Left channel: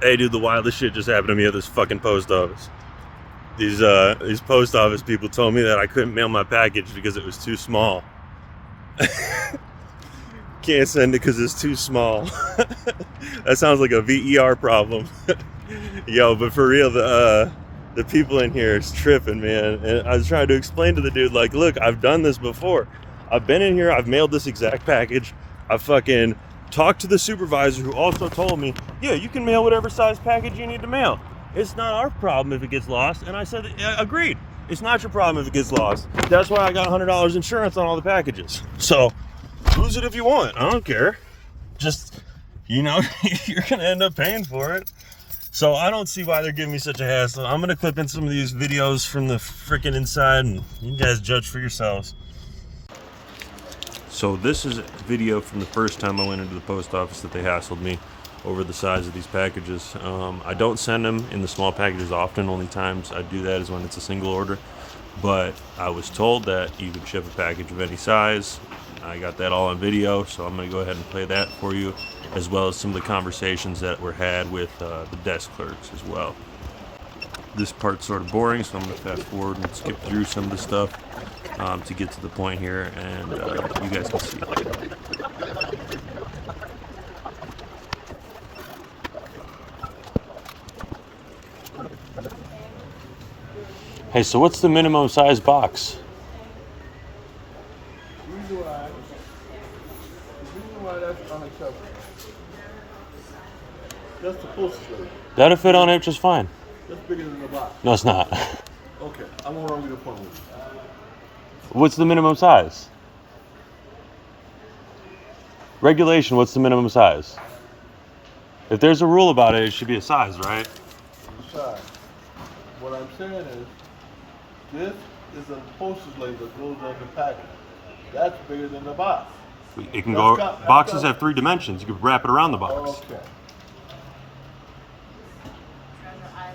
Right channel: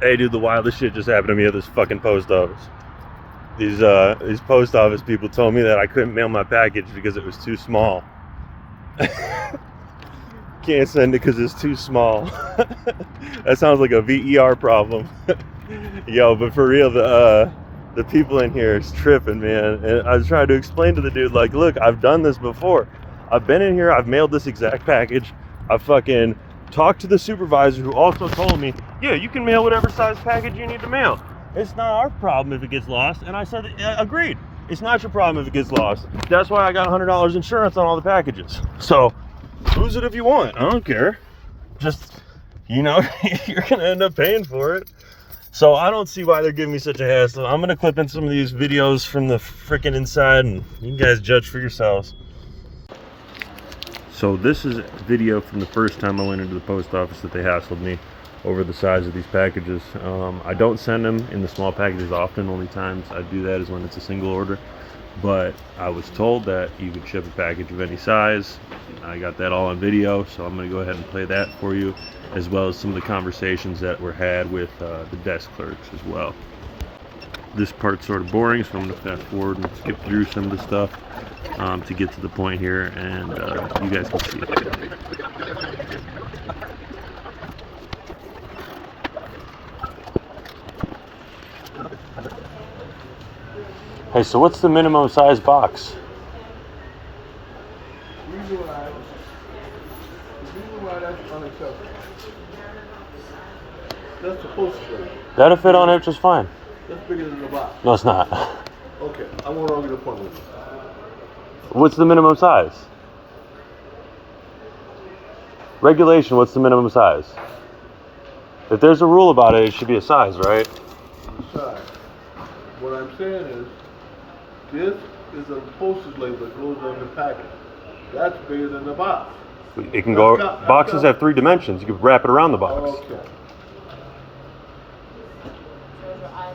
Hey, dude, the wildest shit just happened to me at this fucking post office. These post office people told me that I couldn't mail my package because it was too small. Can't send it because it's too small. That sounds like a VER problem. Yo, but for real, the people in here is tripping, man. And I was trying to explain to the dude, like, look, I've done this before. I've been in here, I've mailed this exact package. I fucking talked to the supervisor who also told me, yeah, you can mail whatever size package you need to mail. It's not our problem if it gets lost. And I said, yeah, agreed. It's not your problem if it gets lost. That's why I got $100 insurance on all the packages. So lose it if you want. I don't care. Just, you know, you're going to end up paying for it. So I don't see why they're giving me such a hassle. I'm going to clip in some of these videos from the freaking inside and you guys judge for yourselves. So this is a video from the first time I went into the post office that they hassled me over the size of these packages. I don't send them in the small packages often. Only times I do that is when it's a single order. But I was told that you could ship a package of any size. I got that all on video, so I'm going to go ahead and play that for you, as well as some of the conversations that were had with the desk clerks as well. This part's sort of boring, so I'm going to fast forward and skip through some of the stuff to get to the point here, and you guys can see it. Hey, so what's the minimum size box? The reason why that's unacceptable. That's the postage rate. That'll fit on it just fine. That's bigger than the box. No, it's not. Okay, I won't argue the point with you. What's the minimum size? Regulation, what's the minimum size? If there's a rule about it, it should be a size, right? Size. What I'm saying is, this is a postage label that goes on the package. That's bigger than the box. It can go, boxes have 3 dimensions. You can wrap it around the box. Okay.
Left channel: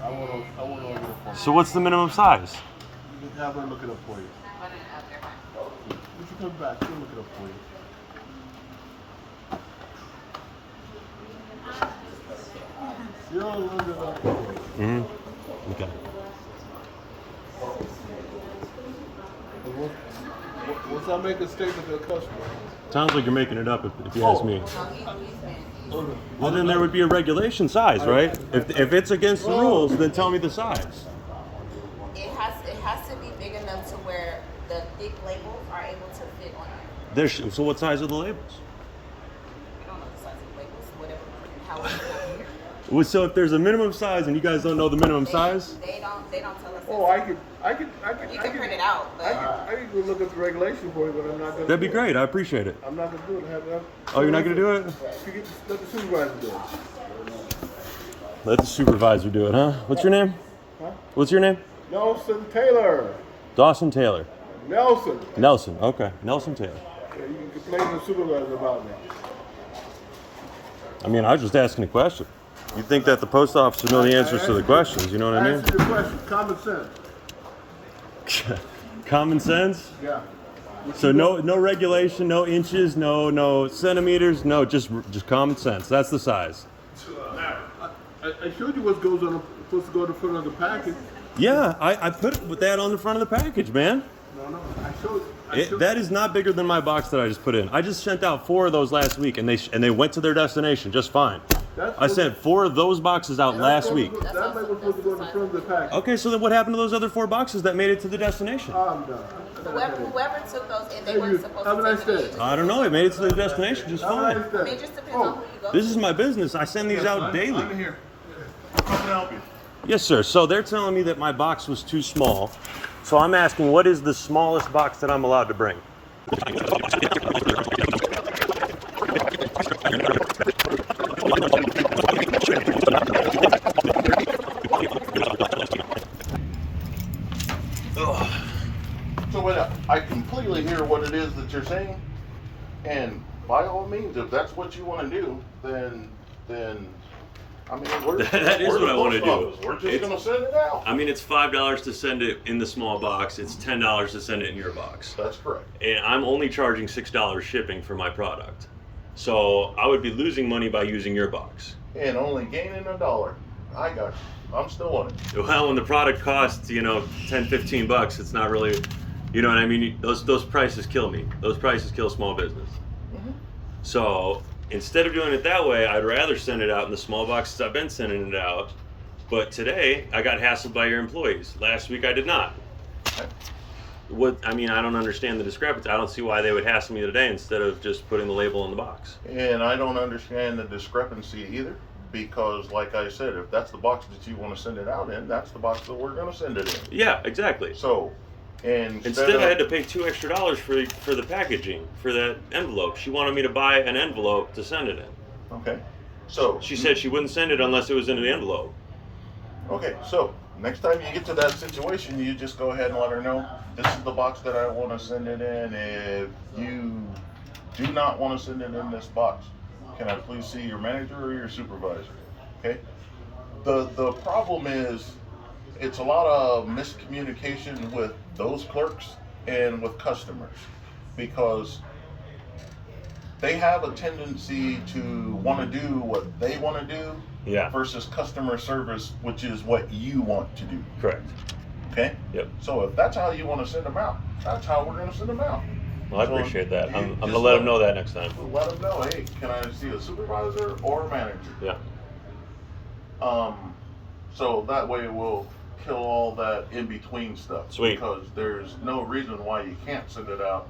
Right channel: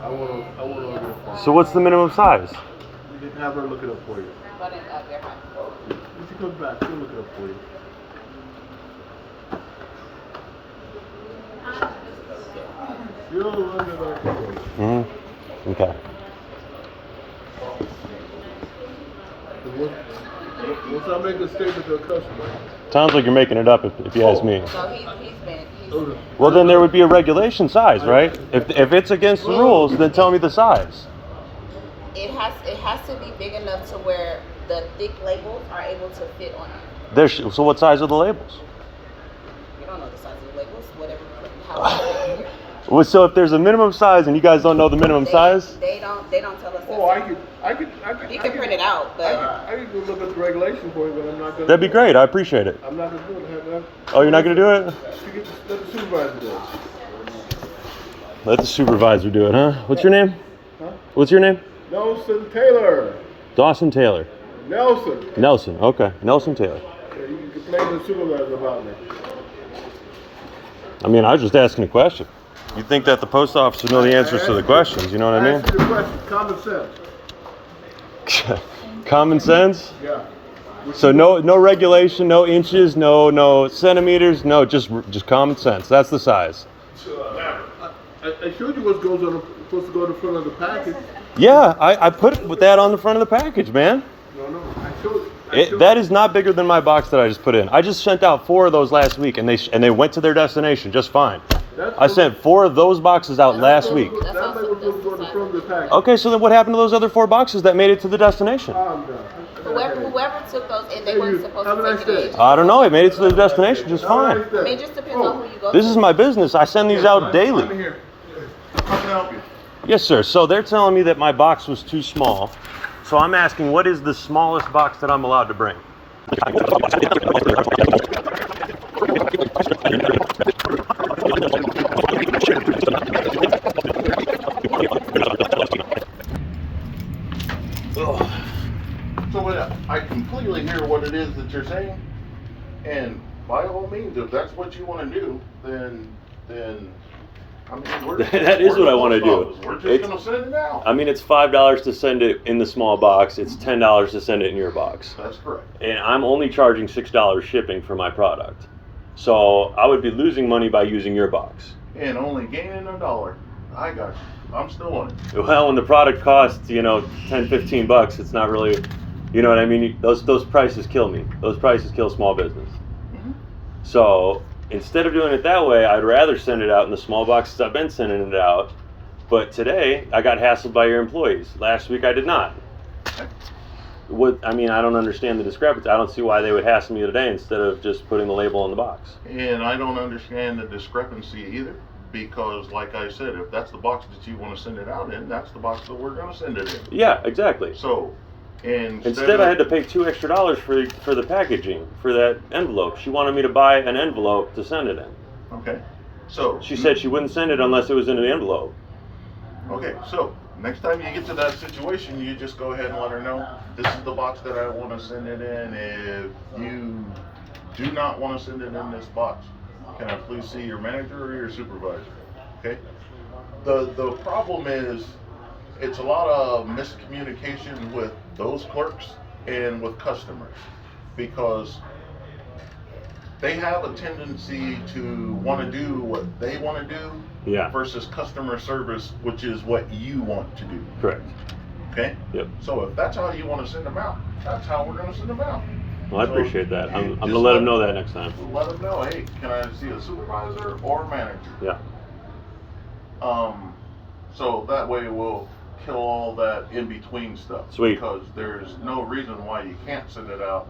I want to look it up. So what's the minimum size? You can have her look it up for you. When she comes back, she'll look it up for you. She'll look it up for you. Okay. Once I make a statement to a customer. Sounds like you're making it up if you ask me. So he's been. Well, then there would be a regulation size, right? If it's against the rules, then tell me the size. It has to be big enough to where the thick labels are able to fit on it. So what size are the labels? We don't know the size of the labels, whatever. However, Well, so if there's a minimum size and you guys don't know the minimum size? They don't tell us. Oh, I could. You can print it out, but I could go look up the regulation for you, but I'm not going to. That'd be great. I appreciate it. I'm not going to do it. Oh, you're not going to do it? Let the supervisor do it. Let the supervisor do it, huh? What's your name? Huh? What's your name? Nelson Taylor. Dawson Taylor. Nelson. Nelson. Okay. Nelson Taylor. Yeah, you can play the supervisor about me. I mean, I was just asking a question. You think that the post office would know the answers to the questions, you know what I mean? Answer the question. Common sense. Common sense? Yeah. So no regulation, no inches, no centimeters, no, just common sense. That's the size. I showed you what goes on supposed to go in the front of the package. Yeah, I put that on the front of the package, man. No, I showed. That is not bigger than my box that I just put in. I just sent out 4 of those last week, and they went to their destination just fine. I sent 4 of those boxes out last week. That's what was supposed to go in the front of the package. Okay, so then what happened to those other 4 boxes that made it to the destination? I'm done. whoever took those, they weren't supposed to take it. I don't know. It made it to the destination just fine. I mean, it just depends on who you go This to. is my business. I send these out I'm daily. here. How can I help you? Yes, sir. So they're telling me that my box was too small. So I'm asking, what is the smallest box that I'm allowed to bring? So I completely hear what it is that you're saying, and by all means, if that's what you want to do, then I mean, That is what I want to do. We're just going to send it out. I mean, it's $5 to send it in the small box. It's $10 to send it in your box. That's correct. And I'm only charging $6 shipping for my product. So I would be losing money by using your box. and only gaining $1. I got you. I'm still on it. Well, when the product costs, you know, 10, 15 bucks, it's not really, you know what I mean? Those prices kill me. Those prices kill small business. Mhm. So instead of doing it that way, I'd rather send it out in the small boxes I've been sending it out. But today, I got hassled by your employees. Last week, I did not. Okay. I don't understand the discrepancy. I don't see why they would hassle me today instead of just putting the label on the box. And I don't understand the discrepancy either, because like I said, if that's the box that you want to send it out in, that's the box that we're going to send it in. Yeah, exactly. So, Instead, I had to pay $2 extra for the packaging, for that envelope. She wanted me to buy an envelope to send it in. Okay. So She said she wouldn't send it unless it was in an envelope. Okay, so next time you get to that situation, you just go ahead and let her know, this is the box that I want to send it in. If you do not want to send it in this box, can I please see your manager or your supervisor? Okay? The problem is, it's a lot of miscommunication with those clerks and with customers, because they have a tendency to want to do what they want to do versus customer service, which is what you want to do. Correct. Okay? Yep. So if that's how you want to send them out, that's how we're going to send them out. Well, I So appreciate that. I'm just going to let them know that next time. Let them know, hey, can I see a supervisor or a manager? Yeah. So that way we'll kill all that in-between stuff. Sweet. Because there's no reason why you can't send it out.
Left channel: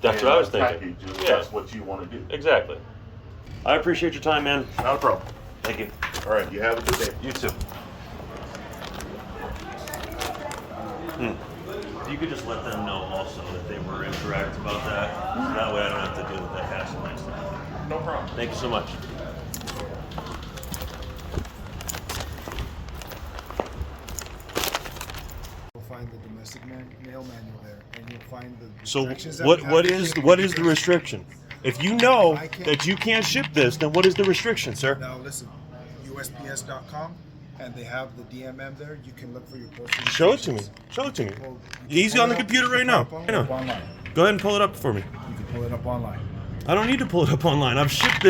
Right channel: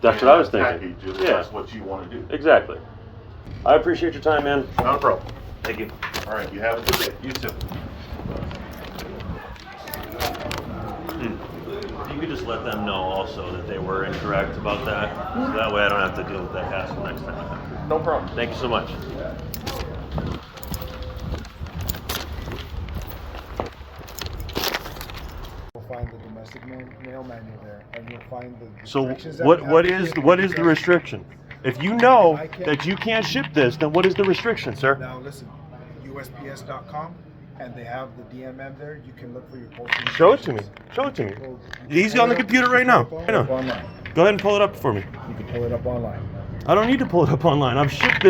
That's in what I was a thinking. package if Yeah. that's what you want to do. Exactly. I appreciate your time, man. Not a problem. Thank you. All right, you have a good day. You too. If you could just let them know also that they were incorrect about that, so that way I don't have to deal with that hassle next time. No problem. Thank you so much. You'll find the domestic mail manual there, and you'll find the So restrictions that what we what have. is the restriction? If you know that you can't ship this, then what is the restriction, sir? Now listen, USPS.com, and they have the DMM there. You can look for your postal. Show it to me. restrictions. Show it to me. Well, Easy on the computer right now. Pull I it up know. online. Go ahead and pull it up for me. You can pull it up online. I don't need to pull it up online. I've shipped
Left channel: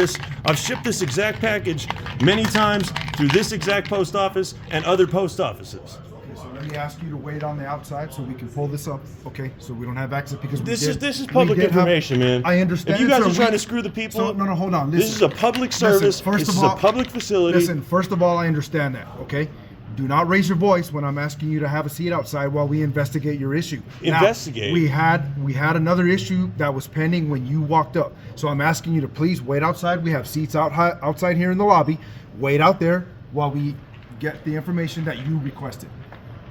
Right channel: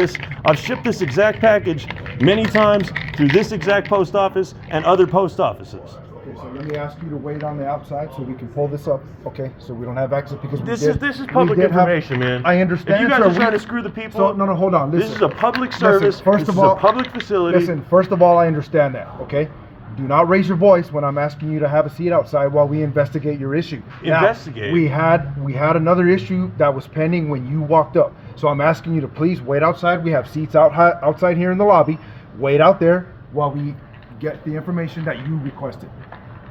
this exact package many times through this exact post office and other post offices. Okay, so let me ask you to wait on the outside so we can pull this up. Okay, so we don't have access because This we is did, public we did have- information, man. I understand. If you guys sir, are trying we- to screw the people, So, no, hold on. Listen. this is a public service. First This of is all, a public facility. Listen, first of all, I understand that. Okay. Do not raise your voice when I'm asking you to have a seat outside while we investigate your issue. Now, Investigate? we had another issue that was pending when you walked up. So I'm asking you to please wait outside. We have seats outside here in the lobby. Wait out there while we get the information that you requested.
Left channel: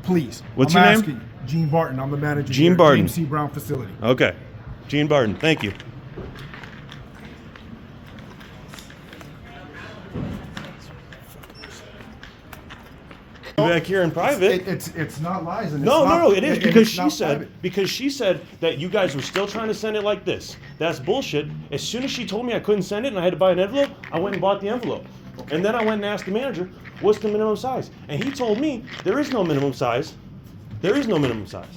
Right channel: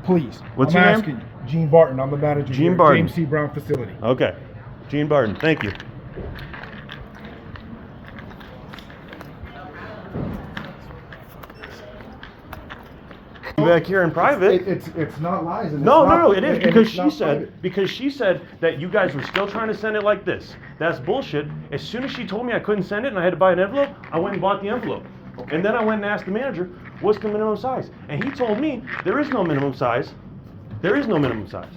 Please. What's I'm your name? asking you. Gene Barton. I'm the manager Gene here at Barton. James C. Brown facility. Okay. Gene Barton, thank you. Back here in private. It's not lies. And No, it's it is and because it's not private. she said that you guys were still trying to send it like this. That's bullshit. As soon as she told me I couldn't send it and I had to buy an envelope, I went and bought the envelope. And then I went and asked the manager, what's the minimum size? And he told me there is no minimum size. There is no minimum size.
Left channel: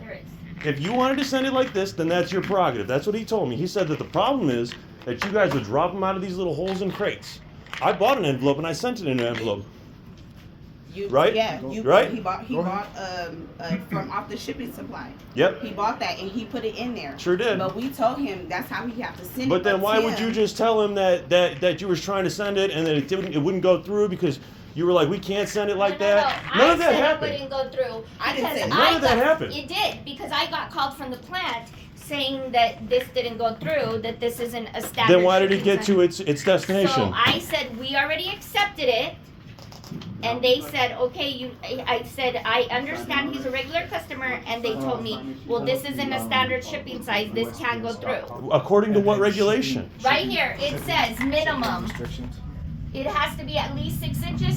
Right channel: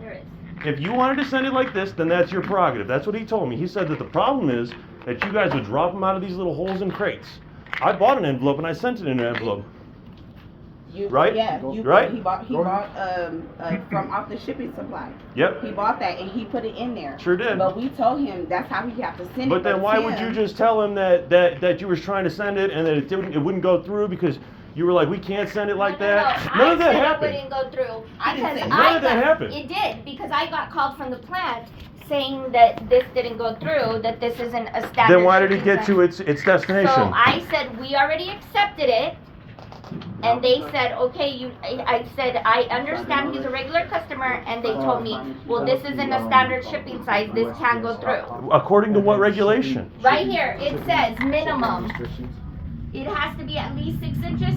There is. If you wanted to send it like this, then that's your prerogative. That's what he told me. He said that the problem is that you guys would drop them out of these little holes in crates. I bought an envelope and I sent it in an envelope. Right? Yeah, Right? He bought from off the shipping supply. Yep. He bought that and he put it in there. Sure did. But we told him that's how he have to send it. But then why would you just tell him that you were trying to send it and that it wouldn't go through because you were like, we can't send it like that? No, None of that I happened. said it wouldn't go through I didn't because say None of that happened. It did because I got called from the plant saying that this didn't go through, that this isn't a standard. Then why did it shipping get size. to its destination? So I said we already accepted it, and they said okay. I said I understand he's a regular customer, and they told me, well, this isn't a standard shipping size. This can't go through. According to what regulation? Right here it says minimum. Restrictions. It has to be at least 6 inches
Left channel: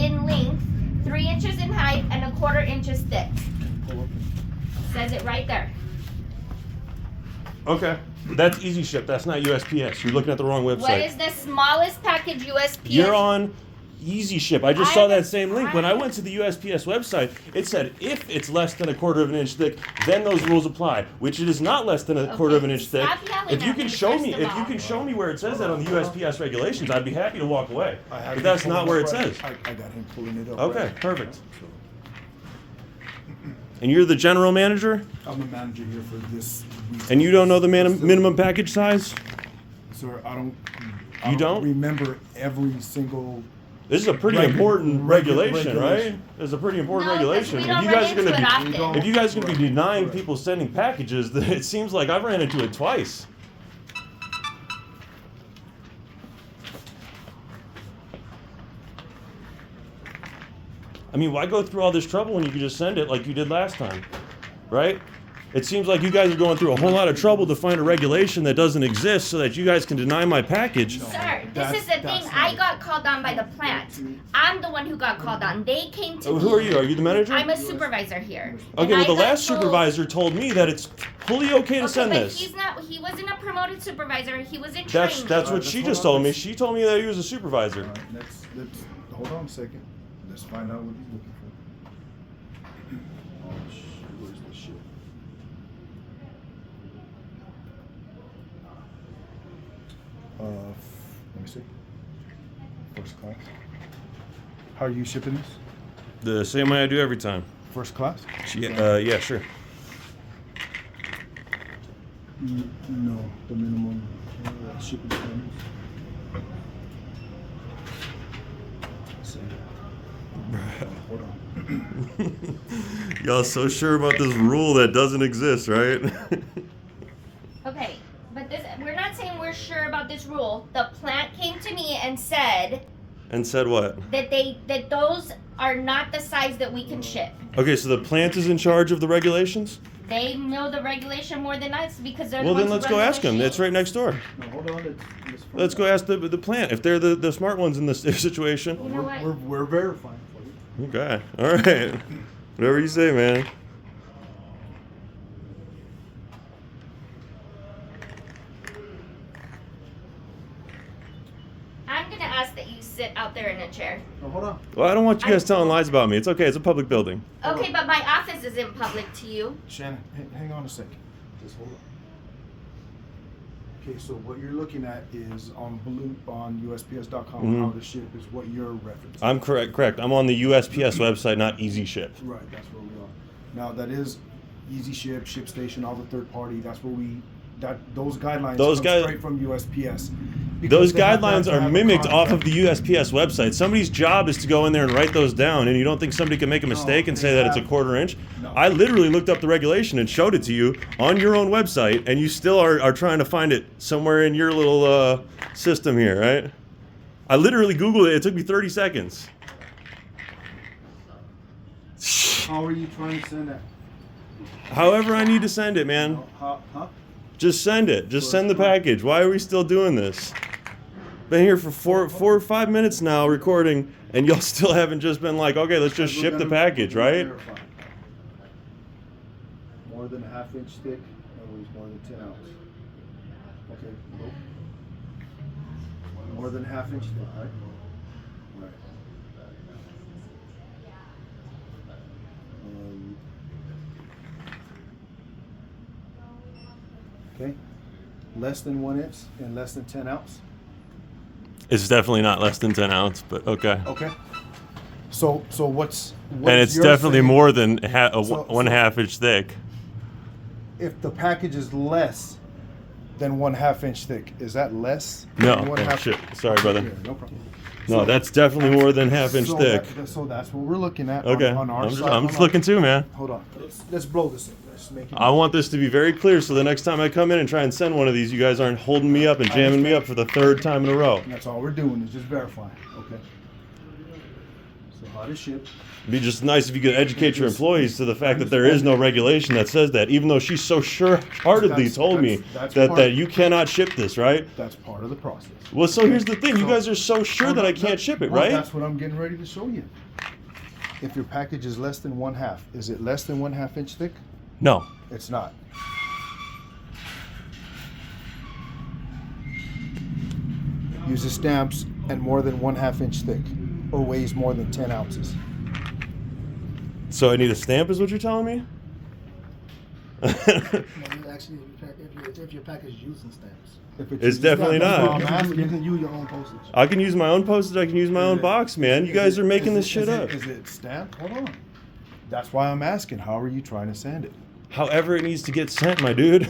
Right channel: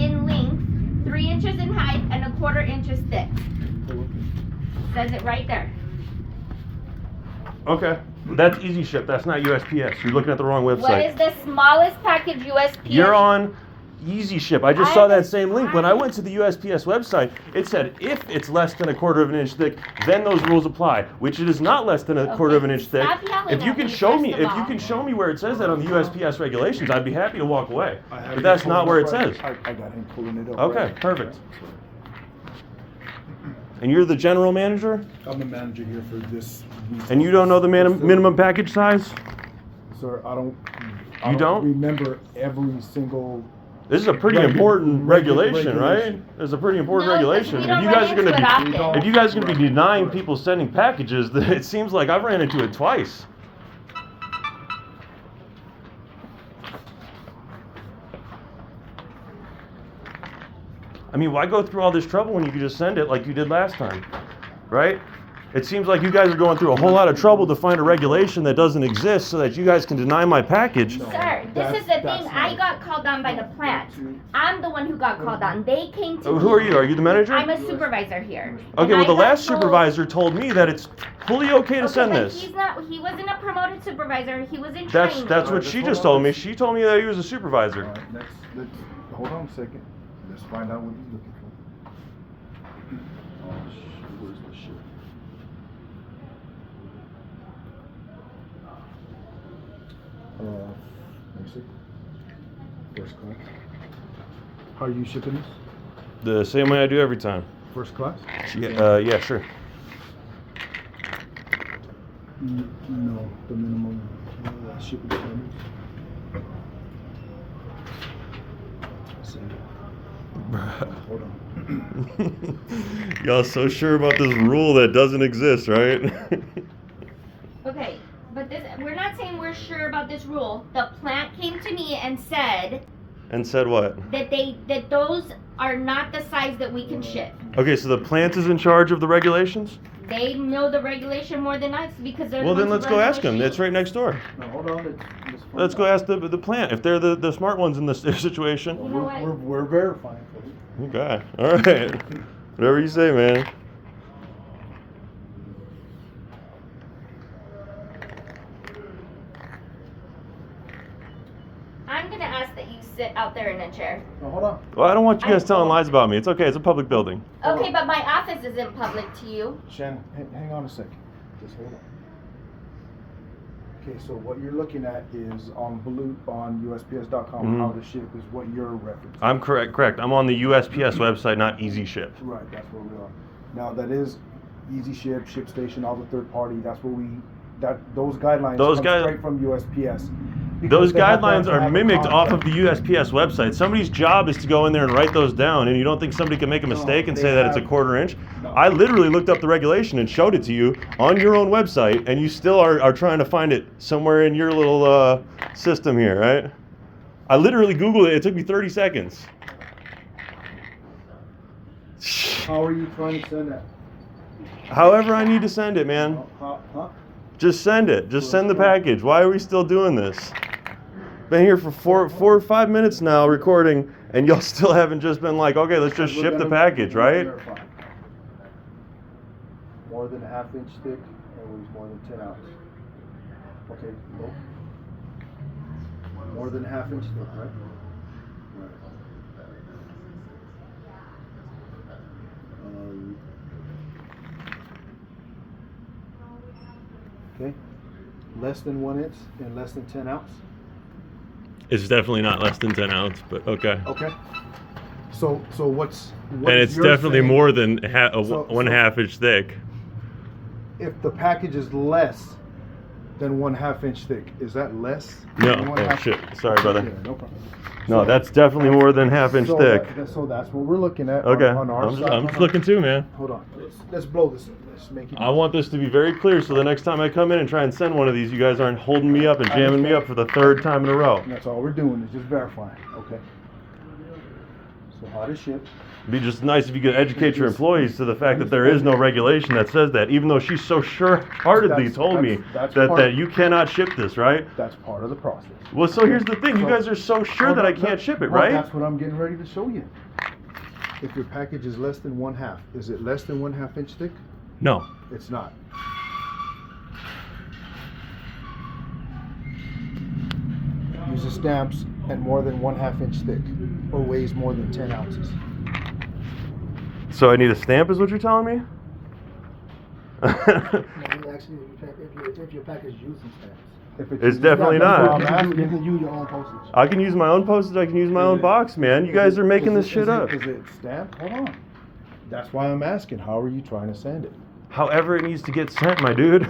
in length, 3 inches in height, and 1/4 inches thick. Says it right there. Okay. That's Easy Ship. That's not USPS. You're looking at the wrong website. What is the smallest package USPS? You're on easy ship. I just saw that same link. When I went to the USPS website, it said if it's less than a quarter of an inch thick, then those rules apply, which it is not less than a quarter of an inch thick. Stop yelling If you at can me, show first me, of if you all. can show me where it says that on the USPS regulations, I'd be happy to walk away. But that's not where it says. I got him pulling it up. Okay, perfect. And you're the general manager? I'm the manager here for this. And you don't know the minimum package size? Sir, I don't You don't? remember every single. This is a pretty important regulation, right? It's a pretty important No, 'cause regulation. we If don't you guys run are gonna into it be, often. if you guys are gonna be denying people sending packages, then it seems like I've ran into it twice. I mean, why go through all this trouble when you could just send it like you did last time, right? It seems like you guys are going through a whole lot of trouble to find a regulation that doesn't exist so that you guys can deny my package. Sir, this is the thing. I got called on by the plant. I'm the one who got called on. They came to me. Who are you? Are you the manager? I'm a supervisor here. Okay, And well, I the got last told- supervisor told me that it's fully okay to Okay, send but this. he's not. He wasn't a promoted supervisor. He was in That's training. what she just told me. She told me that he was a supervisor. All right, let's hold on a second. Let's find out what he's looking for. Oh, where's the shit? Let me see. First class. How are you shipping this? The same way I do every time. First class? Yeah, sure. No, the minimum shipping time. Hold on. Y'all so sure about this rule that doesn't exist, right? Okay, but we're not saying we're sure about this rule. The plant came to me and said And said what? that those are not the size that we can ship. Okay, so the plant is in charge of the regulations? They know the regulation more than us because they're Well, the then ones let's who go run the ask them. It's machine. right next door. No, hold on. Let's go ask the plant if they're the smart ones in this situation. You know what? We're verifying for you. Okay, all right. Whatever you say, man. I'm gonna ask that you sit out there in a chair. No, hold on. Well, I don't want you guys telling lies about me. It's okay. It's a public building. Okay, but my office isn't public to you. Shannon, hang on a second. Just hold on. Okay, so what you're looking at is on USPS.com, Mhm. how to ship is what you're referencing. I'm correct. I'm on the USPS website, not Easy Ship. Right, that's where we are. Now that is Easy Ship, ShipStation, all the third party. That's where those guidelines Those come straight from USPS. because Those they have to guidelines are have a mimicked off of contract. the USPS website. Somebody's job is to go in there and write those down, and you don't think somebody can make a mistake and they say that it's a have- quarter inch? No. I literally looked up the regulation and showed it to you on your own website, and you still are trying to find it somewhere in your little system here, right? I literally Googled it. It took me 30 seconds. How are you trying to send that? However I need to send it, man. Huh? Just send it. Just send the package. Why are we still doing this? Been here for four or 5 minutes now recording, and y'all still haven't just been like, okay, let's just ship the package, right? More than a half-inch thick, or weighs more than 10 ounces. Okay, nope. More than half-inch thick, right? Right. Okay. Less than 1 inch and less than 10 ounce. It's definitely not less than 10 ounce, but okay. Okay. So what's And it's you're definitely saying- more than So- 1/2 inch thick. If the package is less than 1/2 inch thick, is that less? No. than Oh, 1/2 shit. Sorry, brother. Yeah, no problem. No, that's definitely more than 1/2 inch So thick. so that's what we're looking at. Okay. On our I'm side. just looking too, man. Hold on. Let's blow this. Let's make it. I want this to be very clear so the next time I come in and try and send one of these, you guys aren't holding me up and jamming me up for the 3rd time in a row. That's all we're doing is just verifying. Okay. So how to ship. It'd be just nice if you could educate your employees to the fact that there is no regulation that says that, even though she so sure-heartedly That's- told me that's that part- you cannot ship this, right? That's part of the process. Well, so here's the thing. You guys are so sure that I can't ship it, Well, right? That's what I'm getting ready to show you. If your package is less than 1/2, is it less than 1/2 inch thick? No. It's not. Use the stamps at more than 1/2 inch thick. or weighs more than 10 ounces. So I need a stamp, is what you're telling me? Actually, if your package is using stamps. If It's definitely not. You can use your own postage. I can use my own postage. I can use my own box, man. You guys are making this shit up. Is it stamped? Hold on. That's why I'm asking. How are you trying to send it? However it needs to get sent, my dude.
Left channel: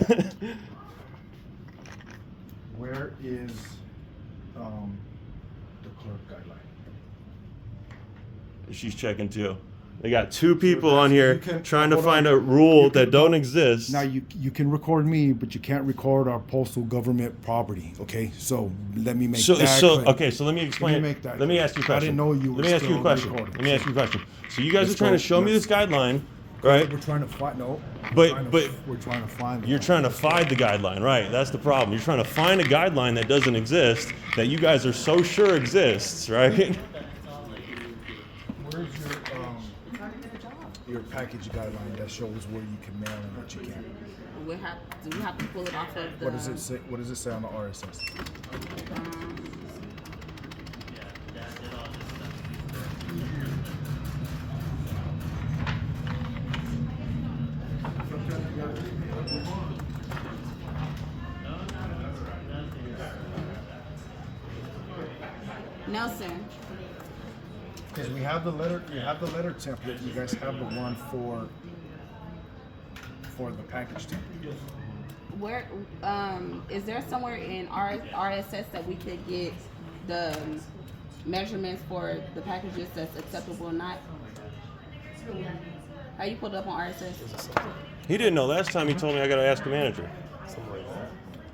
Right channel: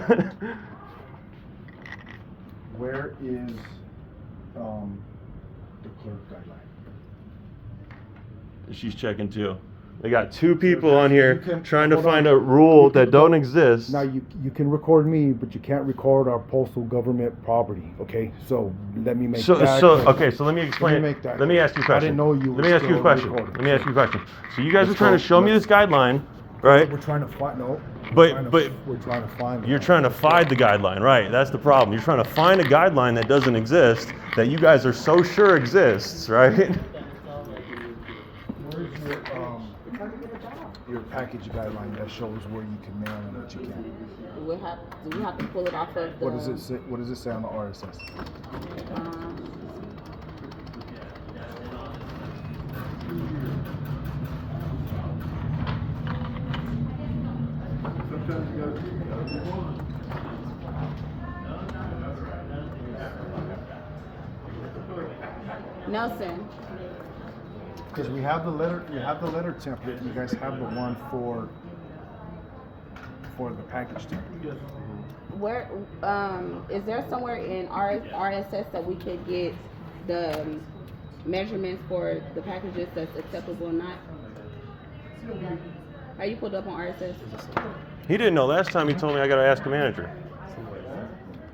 Where is the clerk guideline? She's checking too. They got two people on here You can- trying to hold on. find a rule You can- that don't exist. Now you can record me, but you can't record our postal government property. Okay, so let me make So that so clear. okay, so let me explain. make that Let me clear. ask you a I question. didn't know you Let were me ask you a still question. recording. Let me ask you a question. So you guys are Let's trying to go. show me this guideline, right? We're trying to find But- we're trying to find. You're trying to find the guideline, right? That's the problem. You're trying to find a guideline that doesn't exist, that you guys are so sure exists, right? Where's your package guideline that shows where you can mail and that you can't? Do we have to pull it off of the? What does it say? What does it say on the RSS? Nelson. Because we have the letter. You have the letter template. You guys have the one for the package template. Where is there somewhere in RSS that we could get the measurements for the packages that's acceptable or not? Are you pulled up on RSS? He didn't know last time. He told me I got to ask the manager.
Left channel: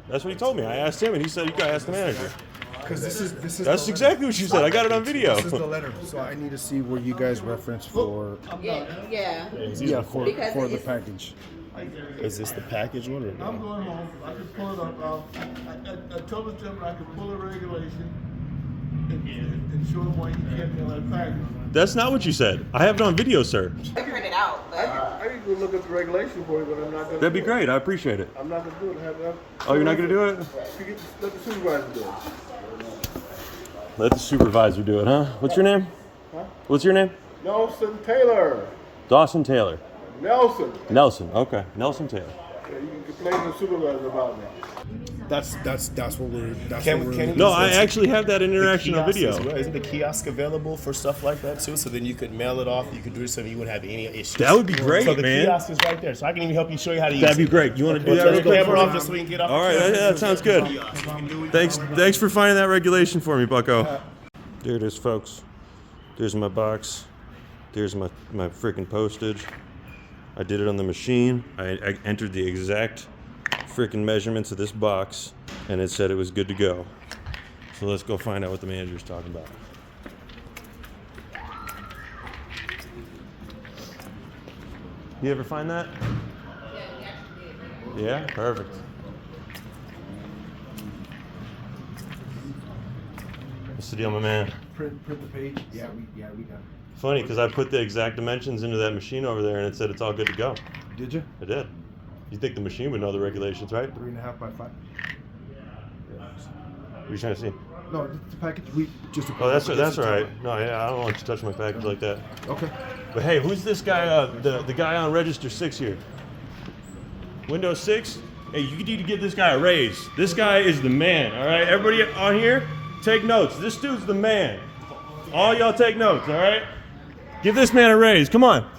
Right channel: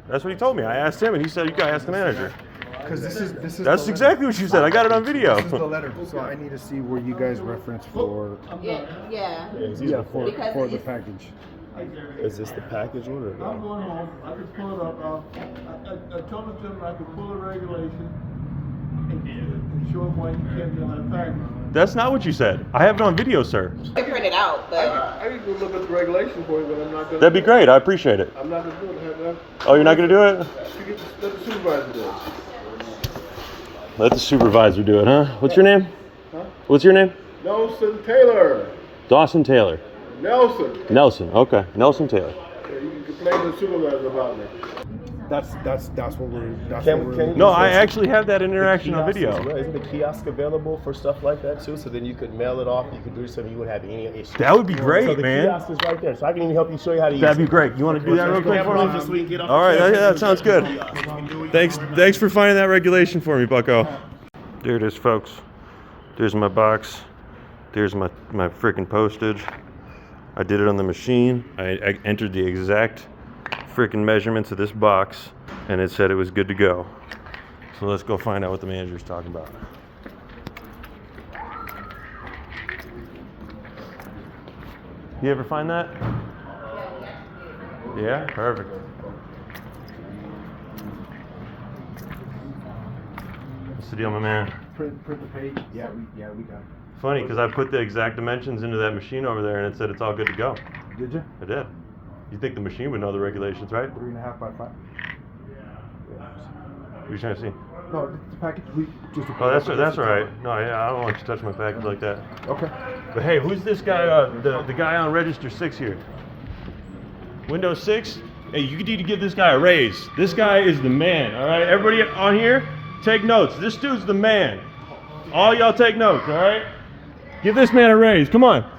That's what he told me. I asked him, and he said you got to ask the manager. Because this is That's the exactly what you said. I got it on video. This is the letter. So I need to see where you guys reference for Yeah. for Because the it's- package. Is this the package one or I'm no? going home, I can pull it up, I told the gentleman I can pull a regulation and show him why you can't be on that package. That's not what you said. I have it on video, sir. You can print it out, but I can go look up the regulation for you, but I'm not gonna. That'd be great. I appreciate it. I'm not gonna do it, Oh, you're not going to do it? let the supervisor do it. Let the supervisor do it, huh? What's your name? What's your name? Nelson Taylor, Dawson Taylor. Nelson. Nelson. Okay. Nelson Taylor. Yeah, you can complain to the supervisor about me. That's what we're. That's Can what we- we're. can No, I actually have that interaction on Kiosk video. as well. Isn't the kiosk available for stuff like that too? So then you could mail it off. You could do something. You wouldn't have any issues. That would be So great, the man. kiosk is right there, so I can even help you show you how to use That'd be it. great. You want to do that real quick for me? Just so we can get off All right, the yeah, that sounds good. kiosk. You can do it. Thanks for finding that regulation for me, Bucko. There it is, folks. There's my box. There's my freaking postage. I did it on the machine. I entered the exact freaking measurements of this box, and it said it was good to go. So let's go find out what the manager's talking about. You ever find that? Yeah, perfect. What's the deal, my man? Print the page. Yeah, we got it. Funny, because I put the exact dimensions into that machine over there, and it said it's all good to go. Did you? I did. You think the machine would know the regulations, right? 3.5 by 5. What are you trying to see? No, the package. We just. Oh, that's all right. No, yeah, I don't want to touch my package like that. Okay. But hey, who's this guy? The guy on register 6 here. Windows 6. Hey, you need to give this guy a raise. This guy is the man. All right, everybody on here, take notes. This dude's the man. All y'all take notes. All right. Give this man a raise. Come on.